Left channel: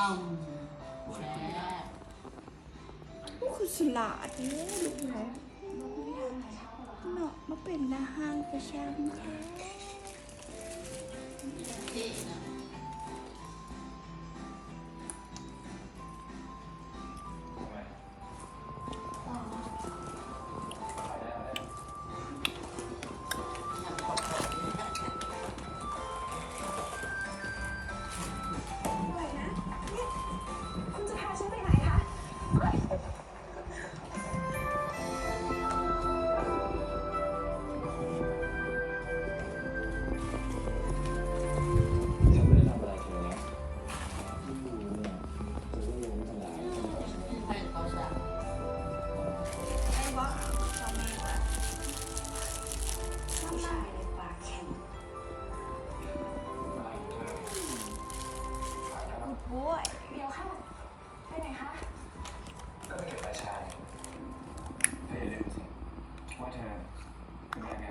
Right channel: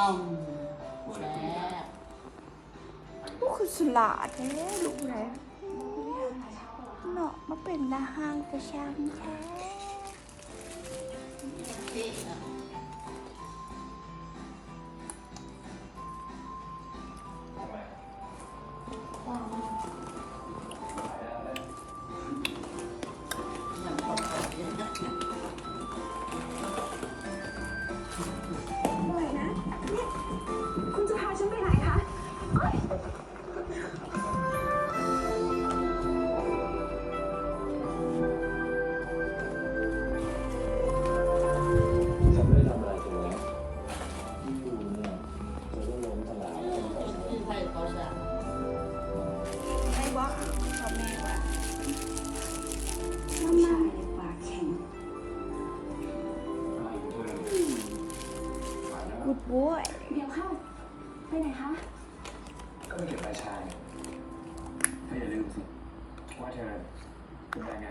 แซ่บ ลูกคือสลาดแท้ลูกแหละเนาะมาเป็นนาหางประชามแท้ เท่อะอย่างตกใจเลยนะ ไหวนะเนี่ยคุณจะพาฉันไปไหนคะเอ้ย ฉันไม่ได้ทำอะไรถูกไหมเธอก็ล้มตลาด ที่ใครเขาสั่ง ไอ้บ้าเขาแม่ว่ามามา ปากแข็ง กูดบอย เดี๋ยวเข้า ไปไหนคะ ก็ไม่เก็บใบชาเนี่ยถ้าอย่าลืมสิว่าเธอเป็นแรงงาน